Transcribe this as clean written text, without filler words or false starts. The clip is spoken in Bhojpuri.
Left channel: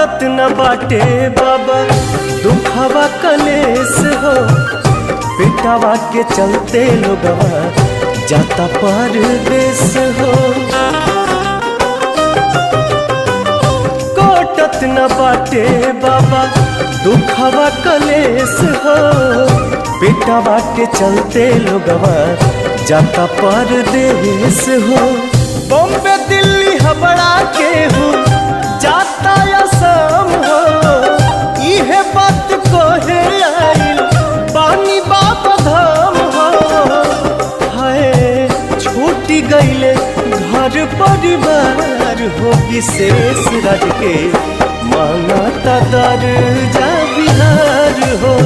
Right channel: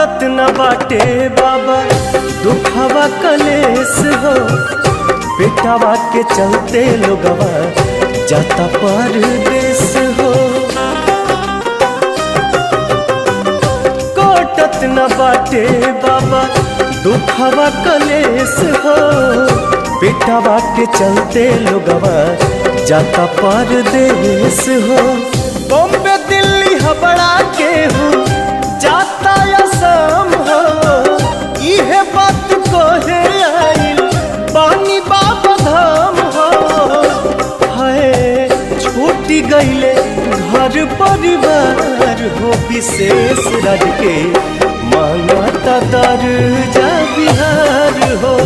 कटत न बाटे बाबा दुखवा कलेस हो, बेटावा के चलते लोगवा जाता परदेस हो। कटत न बाटे बाबा दुखवा कलेस हो, बेटावा के चलते लोगवा जाता परदेस हो। बॉम्बे दिल्ली हबड़ा के हूँ जाता असम हो, इहे बात कहे आइल बानी बाबा धाम हो। है छूटी गईले घर परिवार हो, विशेष राज के मांगता दर्जा बिहार हो।